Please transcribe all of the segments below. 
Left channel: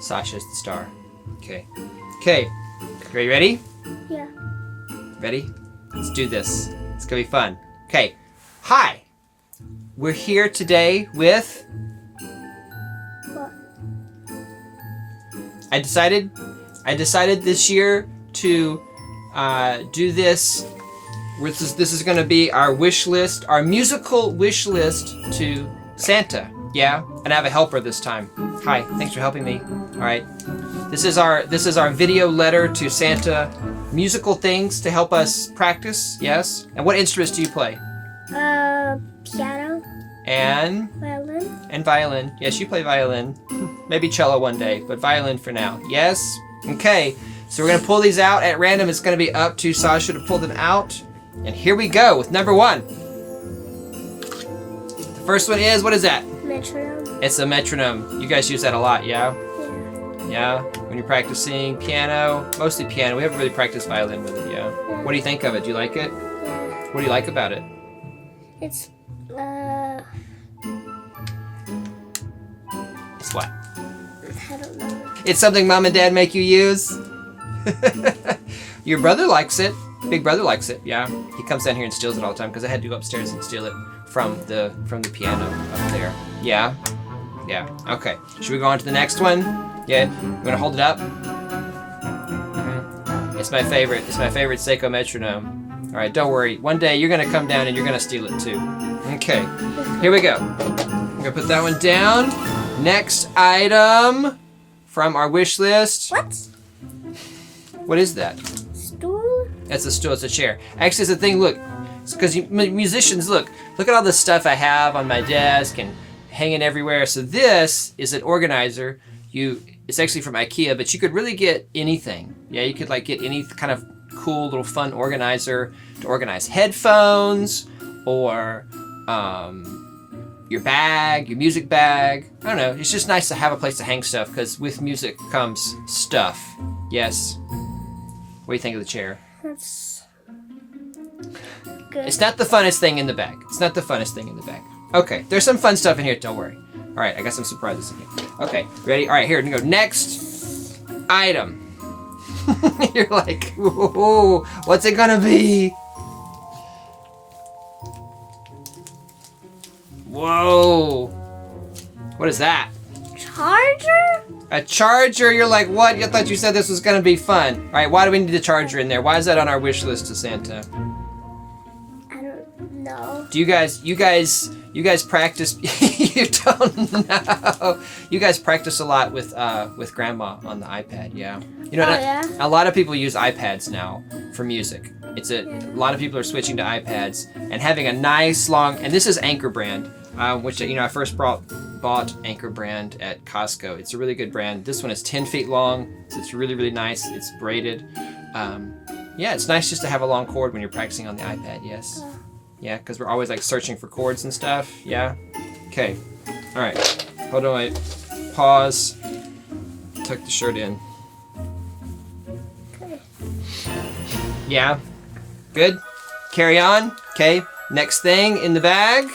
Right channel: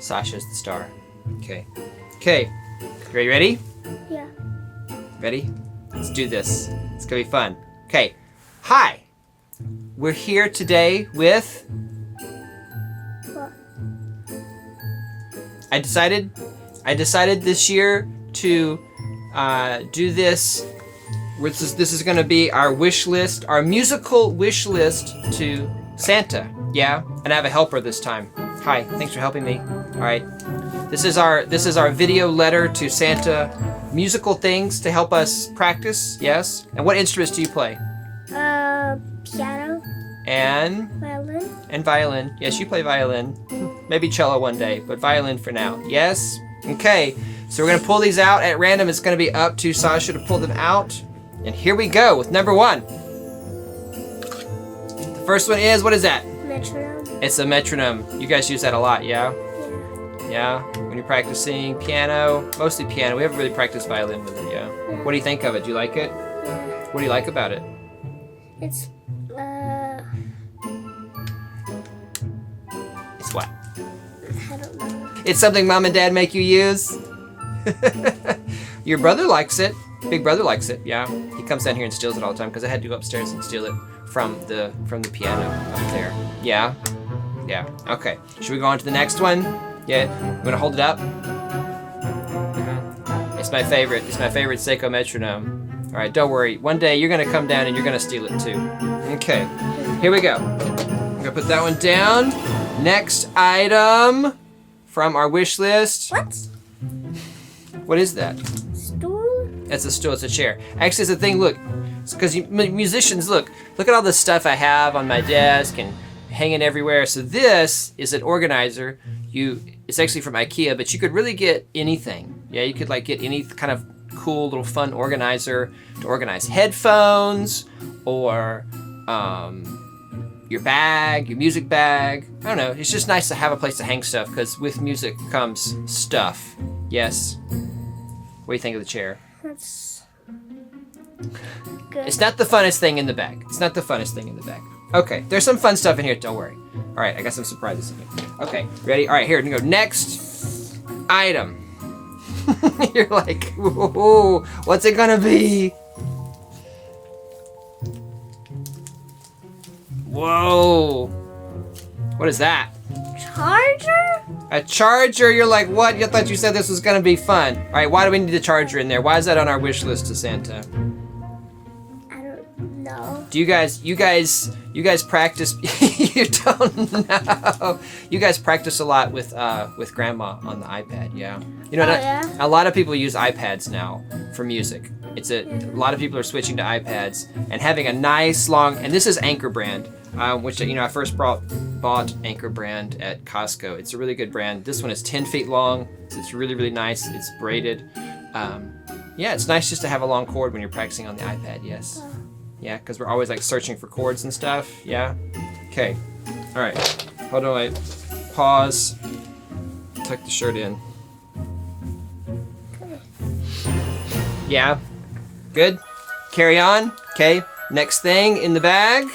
Sasha's the star. Okay. Okay. Are you ready? Yeah. Ready? Let's do this. It's going to be fun. Okay. Hi. We're here today with... What? I decided this year to do this. This is going to be our wish list, our musical wish list to Santa. Yeah, and I have a helper this time. Hi, thanks for helping me. All right, this is our video letter to Santa. Musical things to help us practice. Yes. And what instruments do you play? Piano. And Violin. and violin. Yes, you play violin. Maybe cello one day, but violin for now. Yes. Okay. So we're gonna pull these out at random. It's gonna be up to Sasha to pull them out. And here we go with number 1. The first one is, what is that? Metronome. It's a metronome. You guys use that a lot, yeah? Yeah. Yeah? When you're practicing piano, mostly piano. We haven't really practiced violin with it, yeah? Yeah. What do you think of it? Do you like it? Yeah. What do you like about it? It's It's what? I don't know. It's something mom and dad make you use? Your brother likes it. Big brother likes it, yeah. He comes down here and steals it all the time because I had to go upstairs and steal it from the piano up there. Yeah? Yeah. Okay. Should we go on to the next one? Yeah? You want to hold it up? It's my favorite. It's my favorite Seiko Metronome. All right, don't worry. One day you're going to come down and you're going to steal it too. Okay. Here we go. I'm going to put that one down. Next item from our wish list. What? What is that? Stool? That's a stool. It's a chair. Actually, it's a thing. Look, because musicians, look at all the stuff I have on my desk and hanging everywhere. So this is an organizer. It's actually from IKEA, but you could really get anything. Yeah, you could like get any kind of cool little fun organizer to organize headphones or your bag, your music bag. I don't know. It's just nice to have a place to hang stuff because with music comes stuff. Yes. What do you think of the chair? That's good. It's not the funnest thing in the bag. It's not the funnest thing in the bag. Okay, there's some fun stuff in here. Don't worry. All right, I got some surprises in here. Okay, ready? All right, here we go. Next item. You're like, ooh, what's it gonna be? Whoa. What is that? Charger? A charger? You're like, what? You thought you said this was gonna be fun. All right, why do we need a charger in there? Why is that on our wish list to Santa? I don't know. Do you guys practice? You don't know. You guys practice a lot with Grandma on the iPad, yeah. You know, yeah. A lot of people use iPads now for music. A lot of people are switching to iPads and having a nice long. And this is Anker brand, which I first bought Anker brand at Costco. It's a really good brand. This one is 10 feet long, so it's really really nice. It's braided. Yeah, it's nice just to have a long cord when you're practicing on the iPad. Yes. Yeah, because we're always like searching for chords and stuff. Yeah. Okay. All right. Hold on. Wait. Pause. Tuck the shirt in. Okay. Yeah. Good. Carry on. Okay. Next thing in the bag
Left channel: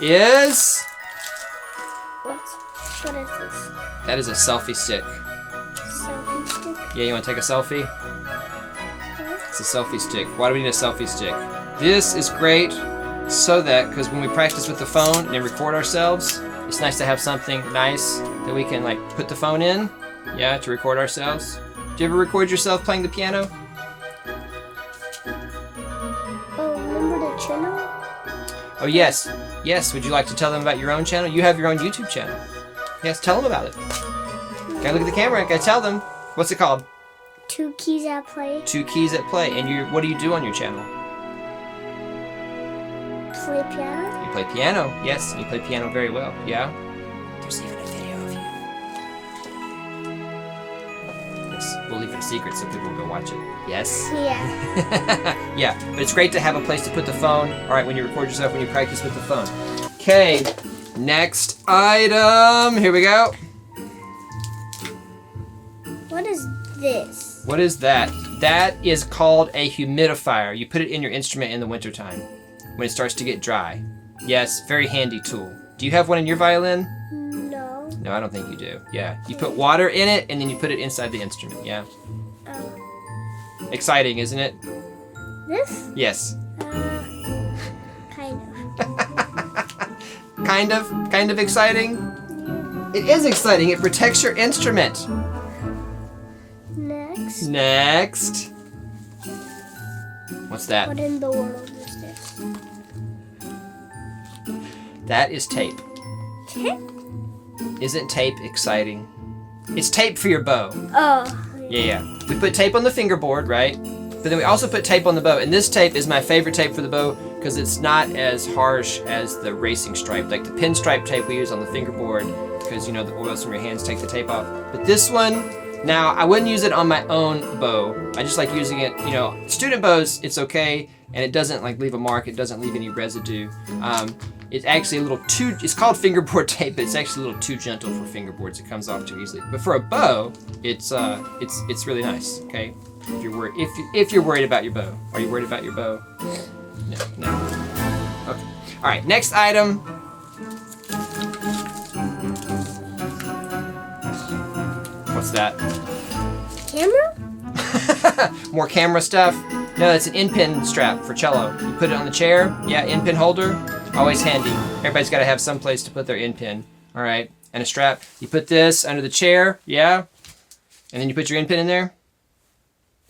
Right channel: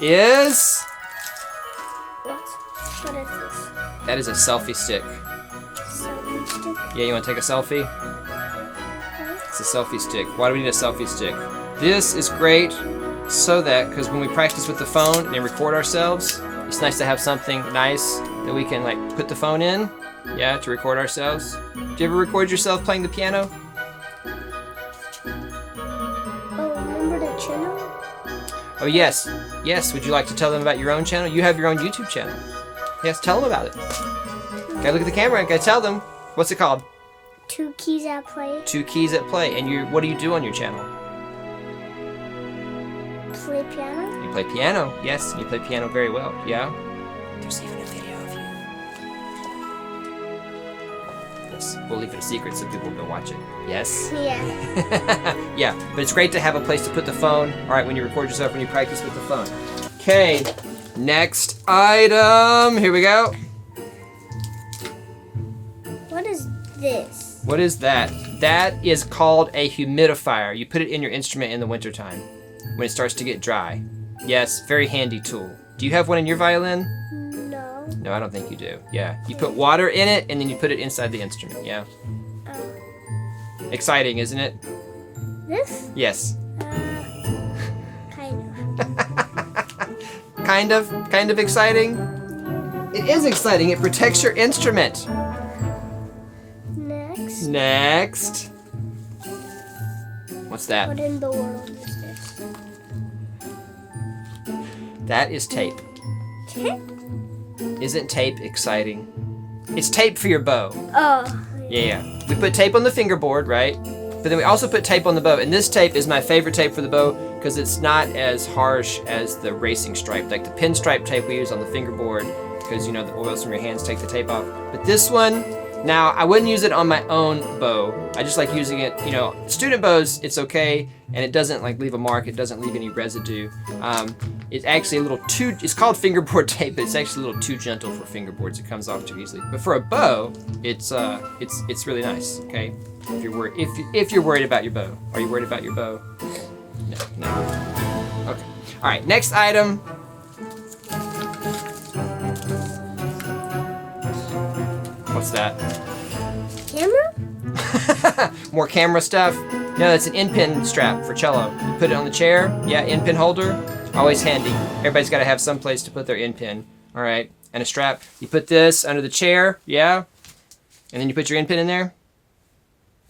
is... What is this? That is a selfie stick. Selfie stick? Yeah, you want to take a selfie? Huh? It's a selfie stick. Why do we need a selfie stick? This is great so that, because when we practice with the phone and record ourselves, it's nice to have something nice that we can like put the phone in, yeah, to record ourselves. Do you ever record yourself playing the piano? Oh, remember the channel? Oh, yes. Yes, would you like to tell them about your own channel? You have your own YouTube channel. Yes, tell them about it. Gotta look at the camera and gotta tell them. What's it called? 2 Keys at Play. 2 Keys at Play. And what do you do on your channel? Play piano? You play piano. Yes, and you play piano very well. Yeah? There's even a video of you. Yes, we'll leave it a secret so people will go watch it. Yes? Yeah. Yeah, but it's great to have a place to put the phone, all right, when you record yourself, when you practice with the phone. Okay, next item. Here we go. What is this? What is that? That is called a humidifier. You put it in your instrument in the wintertime when it starts to get dry. Yes, very handy tool. Do you have one in your violin? No. No, I don't think you do. Yeah. You put water in it, and then you put it inside the instrument. Yeah. Oh. Exciting, isn't it? This? Yes. Kind of. Kind of exciting? It is exciting. It protects your instrument. Next. What's that? What in the world is this? That is tape. Tape? Isn't tape exciting? It's tape for your bow. Oh. Yeah. We put tape on the fingerboard, right? But then we also put tape on the bow. And this tape is my favorite tape for the bow because it's not as harsh as the racing stripe, like the pinstripe tape we use on the fingerboard, because, you know, the oils from your hands take the tape off. But this one, now, I wouldn't use it on my own bow. I just like using it, you know, student bows, it's okay, and it doesn't, like, leave a mark. It doesn't leave any residue. It's actually a little too, it's called fingerboard tape, but it's actually a little too gentle for fingerboards. It comes off too easily. But for a bow, it's really nice, okay? If you're worried about your bow. Are you worried about your bow? No. Okay. All right, next item. What's that? Camera? More camera stuff? No, it's an Endpin strap for cello. You put it on the chair. Yeah, Endpin holder. Always handy. Everybody's got to have some place to put their Endpin. All right, and a strap. You put this under the chair. Yeah, and then you put your Endpin in there.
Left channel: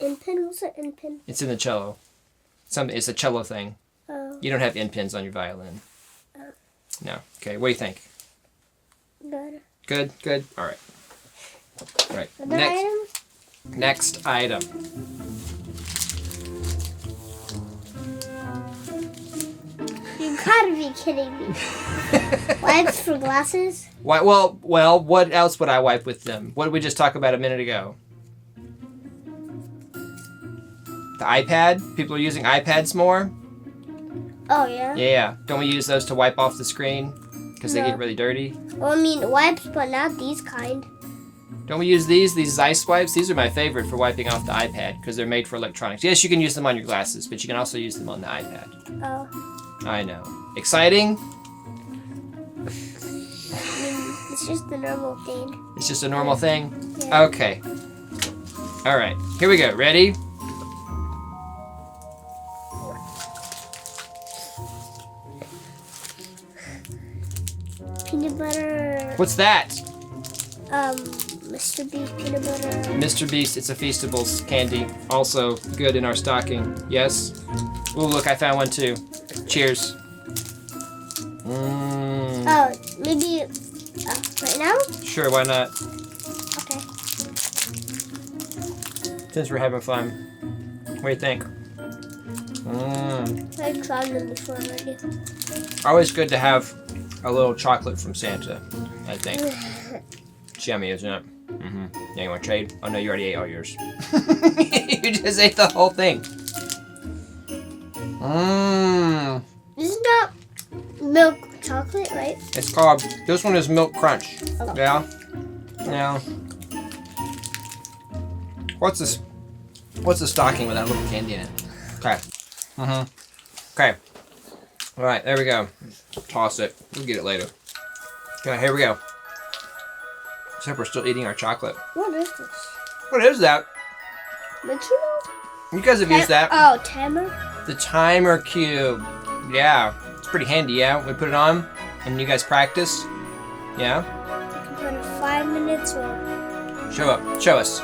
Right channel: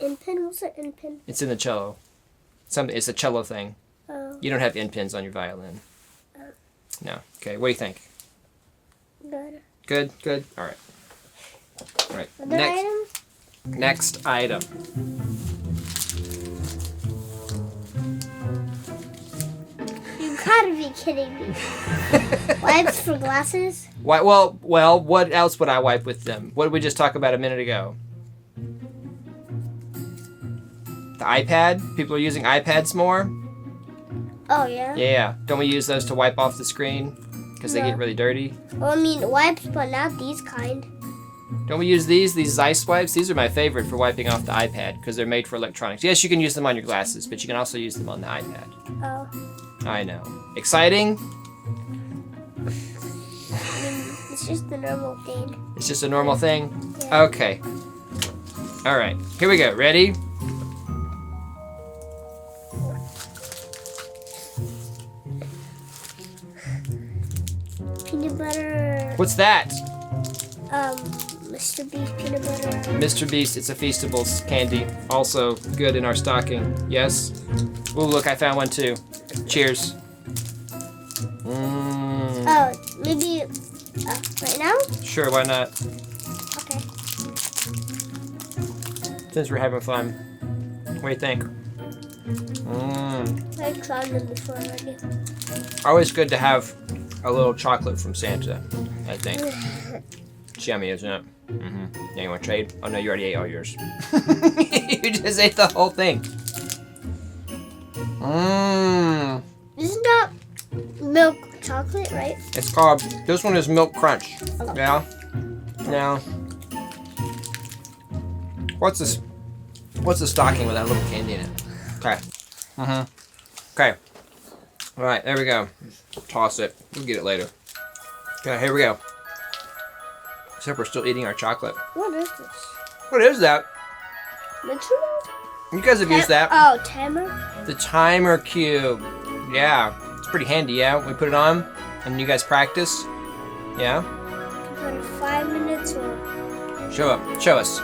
Endpin? What's an endpin? It's in the cello. It's a cello thing. Oh. You don't have Endpins on your violin. No. Okay. What do you think? Good. Good. All right. All right. Other item? Next item. You gotta be kidding me. Wipes for glasses? Why? Well. What else would I wipe with them? What did we just talk about a minute ago? The iPad. People are using iPads more. Oh, yeah? Yeah. Don't we use those to wipe off the screen? Because they No. get really dirty. Well, I mean, wipes, but not these kind. Don't we use these Zeiss wipes? These are my favorite for wiping off the iPad because they're made for electronics. Yes, you can use them on your glasses, but you can also use them on the iPad. Oh. I know. Exciting? I mean, it's just the normal thing. It's just a normal thing? Yeah. Okay. All right. Here we go. Ready? Peanut butter. What's that? Mr. Beast peanut butter. Mr. Beast. It's a Feastables candy. Also good in our stocking. Yes? Oh, look. I found one too. Cheers. Oh, maybe right now? Sure, why not? Okay. Since we're having fun. What do you think? I tried them before already. Always good to have a little chocolate from Santa, I think. It's yummy, isn't it? Mm-hmm. Yeah, you want to trade? Oh, no, you already ate all yours. You just ate the whole thing. Isn't that milk chocolate, right? It's called, this one is Milk Crunch. Oh. Yeah? Now, what's this? What's the stocking with that little candy in it? Okay. Okay. All right, there we go. Toss it. We'll get it later. Okay, here we go. Except we're still eating our chocolate. What is this? What is that? Metronome? You guys have used that. Oh, timer? The timer cube. Yeah. It's pretty handy, yeah? We put it on and you guys practice. Yeah? You can put it 5 minutes or... Show up. Show us.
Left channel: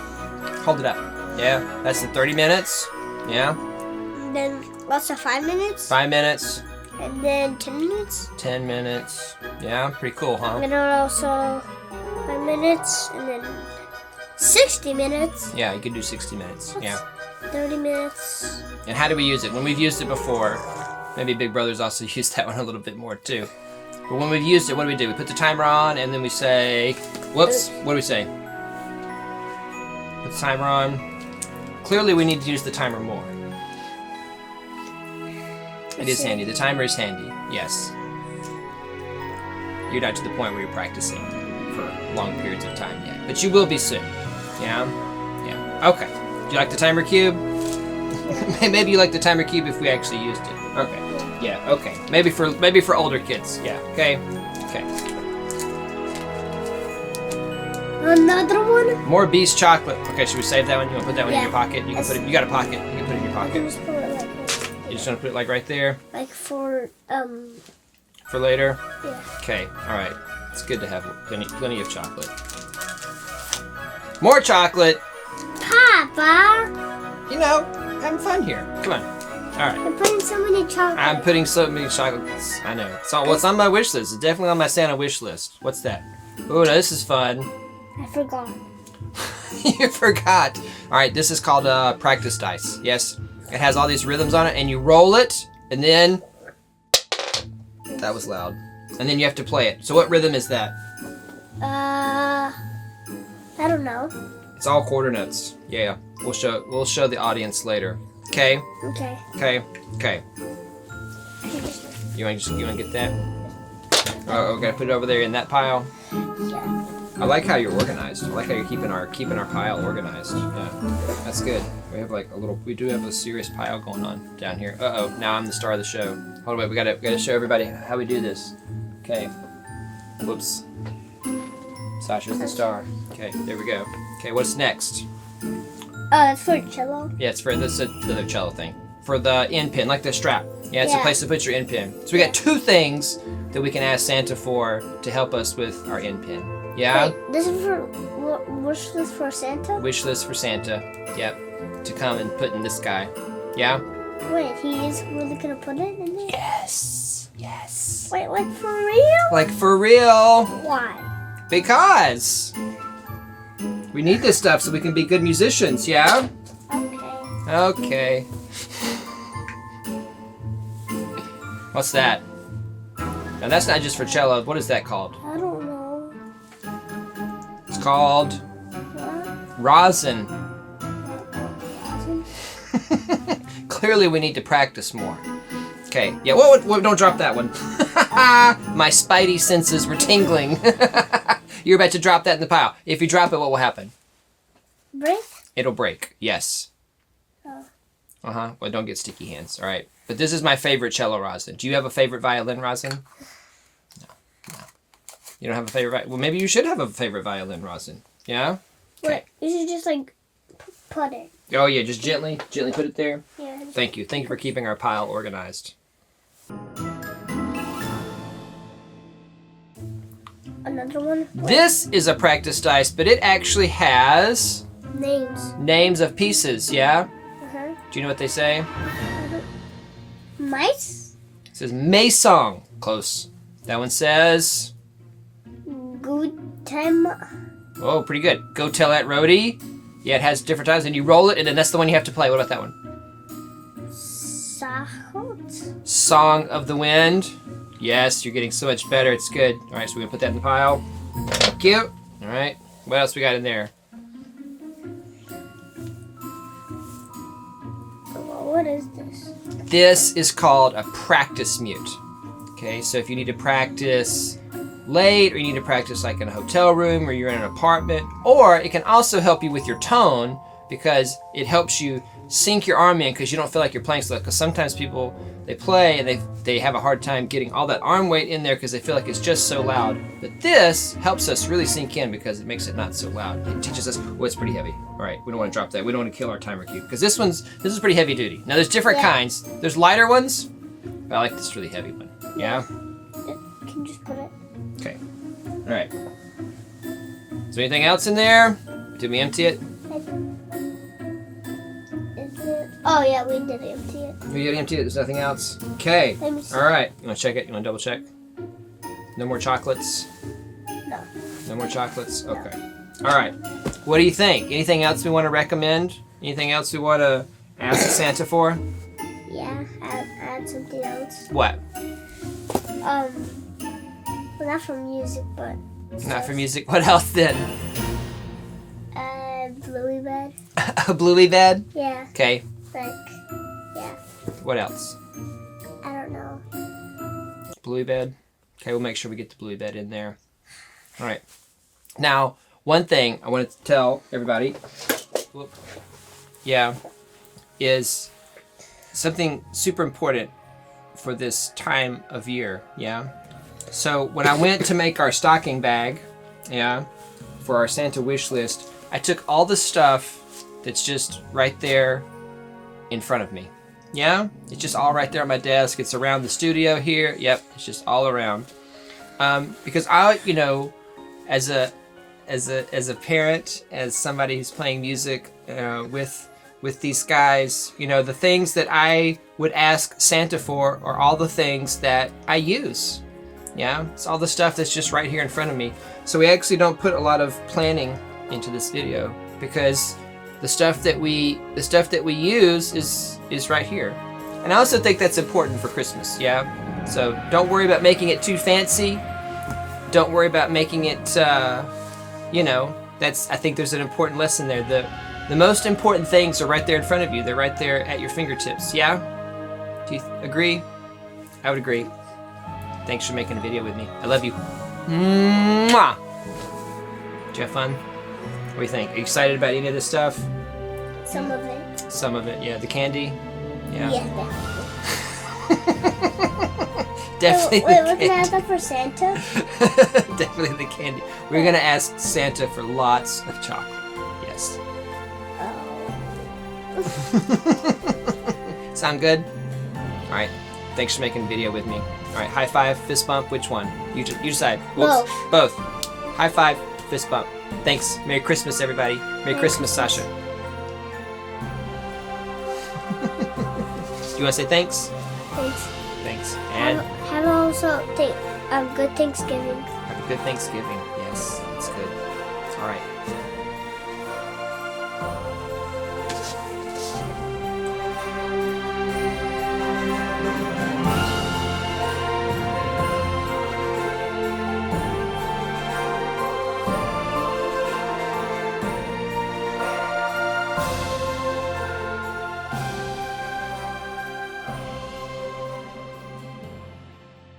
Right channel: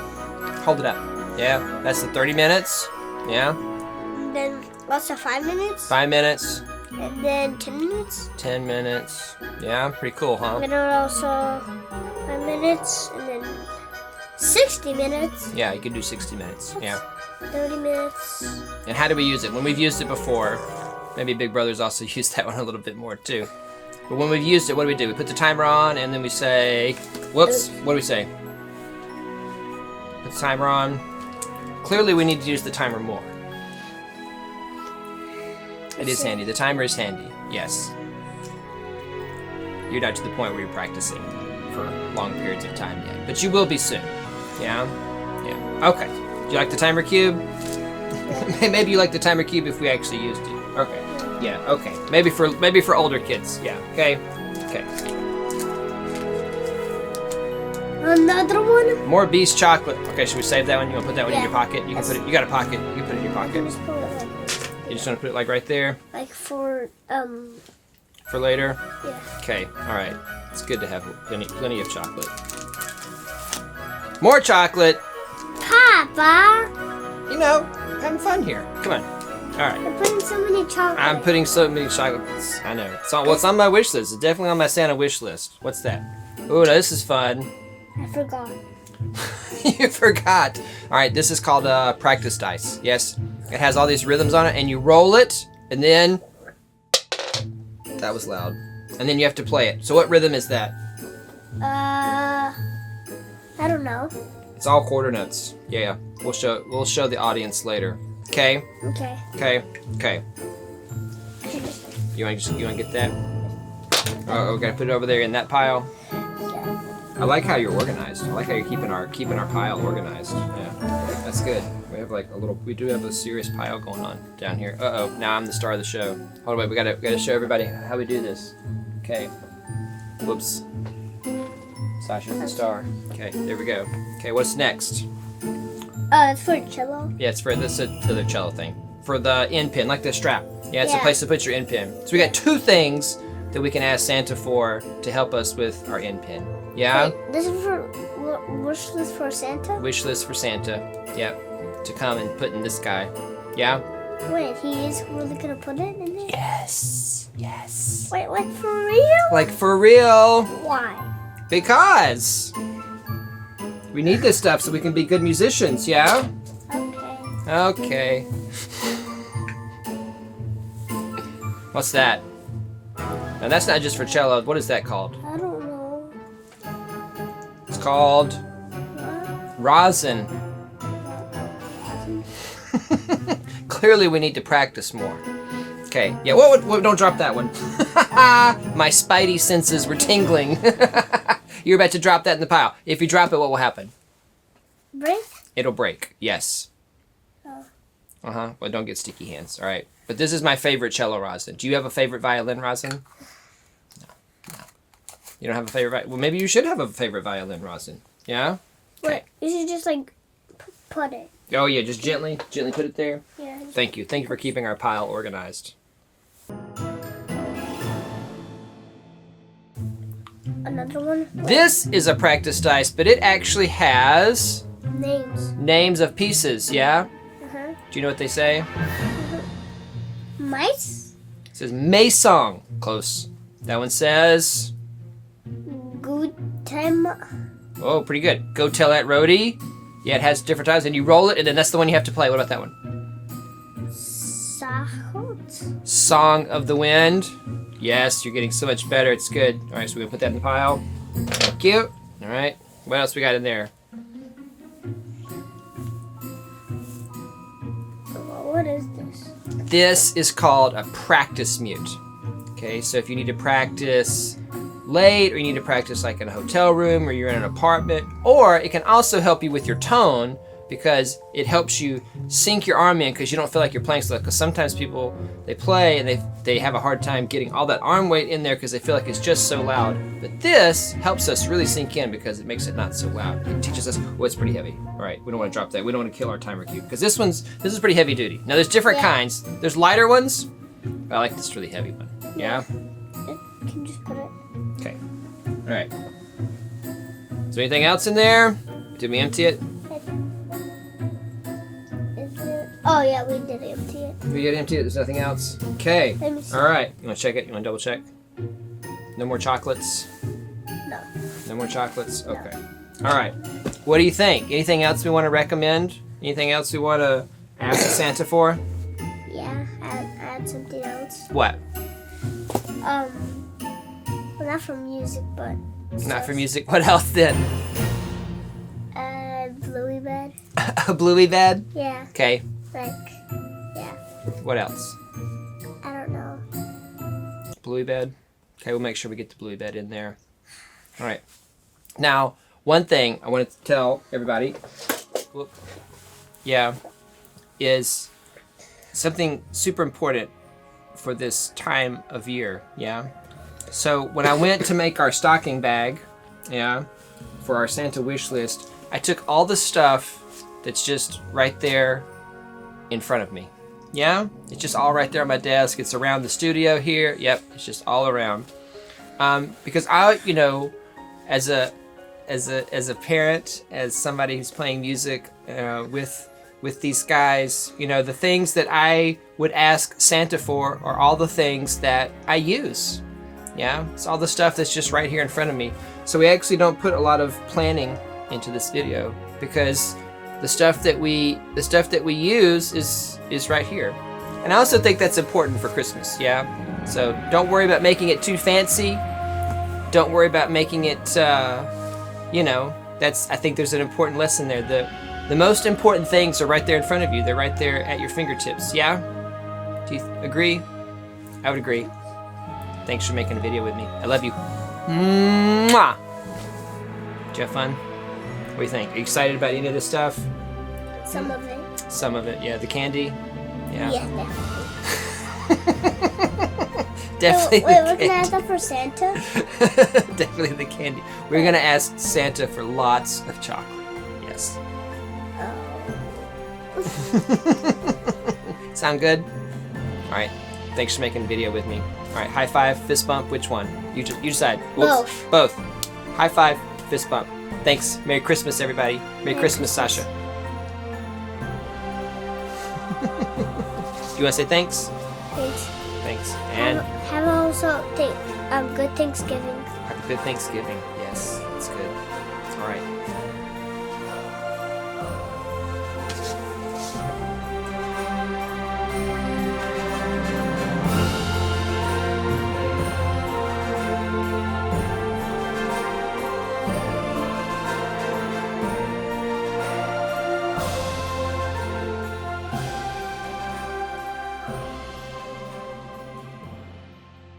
Hold it up. Yeah? That's the 30 minutes. Yeah? And then, what's the 5 minutes? 5 minutes. And then 10 minutes? 10 minutes. Yeah? Pretty cool, huh? And then also 5 minutes. And then 60 minutes. Yeah, you could do 60 minutes. Yeah. 30 minutes. And how do we use it? When we've used it before, maybe Big Brother's also used that one a little bit more too. But when we've used it, what do? We put the timer on and then we say, whoops, what do we say? Put the timer on. Clearly we need to use the timer more. It is handy. The timer is handy. Yes. You're not to the point where you're practicing for long periods of time yet. But you will be soon. Yeah? Yeah. Okay. Do you like the timer cube? Maybe you like the timer cube if we actually used it. Okay. Yeah, okay. Maybe for older kids. Yeah. Okay. Okay. Another one? More Beast chocolate. Okay, should we save that one? You want to put that one in your Yeah. pocket? You can put it. You got a pocket. You can put it in your I can pocket. just put it like this. You just want to put it like right there Like for later. yeah. Okay. All right. It's good to have plenty of chocolate. More chocolate. Papa, You know, having fun here. Come on. All right. you're putting so many chocolates. I'm putting so many chocolates. I know. It's on, what's on my wish list. It's definitely on my Santa wish list. What's that? Oh, this is fun. I forgot. You forgot. All right, this is called practice dice. Yes, it has all these rhythms on it, and you roll it, and then that was loud. And then you have to play it. So what rhythm is that? I don't know. It's all quarter notes. Yeah, we'll show the audience later. Okay. Okay. Okay. Okay. You want to get that? Oh, we gotta put it over there in that pile. Yeah. I like how you're organized. I like how you're keeping our pile organized. Yeah, that's good. We do have a serious pile going on down here. Uh-oh, now I'm the star of the show. Hold on, we gotta show everybody how we do this. Okay. Whoops. Sasha's the star. Okay, there we go. Okay, what's next? It's for cello. Yeah, it's for the cello thing. For the Endpin, like the strap. Yeah, it's a Yeah. place to put your Endpin. So we got two things that we can ask Santa for to help us with our Endpin. Yeah? Wait, this is for wish list for Santa? Wish list for Santa. Yep. To come and put in this guy. Yeah? Wait, he is really gonna put it in there? Yes. Yes. Wait, like for real? Like for real. Why? Because we need this stuff so we can be good musicians, yeah? Okay. Okay. What's that? Now that's not just for cello. What is that called? I don't know. It's called What? Rosin. Clearly we need to practice more. Okay. Yeah, whoa, don't drop that one. My spidey senses were tingling. You're about to drop that in the pile. If you drop it, what will happen? Break? It'll break. Yes. Oh. Uh-huh. Well, don't get sticky hands. All right. But this is my favorite cello rosin. Do you have a favorite violin rosin? No. You don't have a favorite Well, maybe you should have a favorite violin rosin. Yeah? Wait, you should just like put it. Oh, yeah. Just gently put it there. Yeah. Thank you. Thank you for keeping our pile organized. Another one? Wait, This is a practice dice, but it actually has names. names of pieces, yeah? Uh-huh. Do you know what they say? Mice? It says Maison. Close. That one says... Good time. Oh, pretty good. Go tell that roadie. Yeah, it has different times, and you roll it, and then that's the one you have to play. What about that one? Sahot? Song of the Wind. Yes, you're getting so much better. It's good. All right, so we're going to put that in the pile. Thank you. All right. What else we got in there? What is this? This is called a practice mute. Okay, so if you need to practice late, or you need to practice like in a hotel room, or you're in an apartment, or it can also help you with your tone, because it helps you sink your arm in, because you don't feel like you're playing so loud. Because sometimes people, they play and they have a hard time getting all that arm weight in there because they feel like it's just so loud. But this helps us really sink in because it makes it not so loud. It teaches us, well, it's pretty heavy. All right, we don't want to drop that. We don't want to kill our timer cue, because this is pretty heavy duty. Now there's different kinds. There's lighter ones, but I like this really heavy one. Yeah? Can you just put it? Okay. All right. Is there anything else in there? Did we empty it? Oh yeah, we did empty it. We did empty it. There's nothing else. Okay. Let me see. All right. You want to check it? You want to double check? No more chocolates? No. No more chocolates? Okay. All right. What do you think? Anything else we want to recommend? Anything else we want to ask Santa for? Yeah, add something else. What? Well, not for music, but. Not for music. What else then? Bluey bed. A Bluey bed? Yeah. Okay. Like, yeah. What else? I don't know. Bluey bed? Okay, we'll make sure we get the Bluey bed in there. All right. Now, one thing I wanted to tell everybody, is something super important for this time of year, yeah? So when I went to make our stocking bag, yeah, for our Santa wish list, I took all the stuff that's just right there in front of me. Yeah, it's just all right there on my desk. It's around the studio here. Yep, it's just all around. Because I, as a parent, as somebody who's playing music with these guys, the things that I would ask Santa for are all the things that I use. Yeah, it's all the stuff that's just right here in front of me. So we actually don't put a lot of planning into this video because the stuff that we use is right here. And I also think that's important for Christmas. Yeah. So don't worry about making it too fancy. Don't worry about making it. I think there's an important lesson there. The most important things are right there in front of you. They're right there at your fingertips. Yeah. Do you agree? I would agree. Thanks for making a video with me. I love you. Mwah! Did you have fun? What do you think? Are you excited about any of this stuff? Some of it. Some of it, yeah. The candy? Yeah. Yeah, definitely. Definitely. Wait, we're gonna ask that for Santa? Definitely the candy. We're gonna ask Santa for lots of chocolate. Yes. Oh. Sound good? All right. Thanks for making a video with me. All right. High five, fist bump. Which one? You decide. Whoops. Both. High five, fist bump. Thanks. Merry Christmas, everybody. Merry Christmas, Sasha. Do you want to say thanks? Thanks. And have also good Thanksgiving. have a good Thanksgiving. Yes, it's good. All right.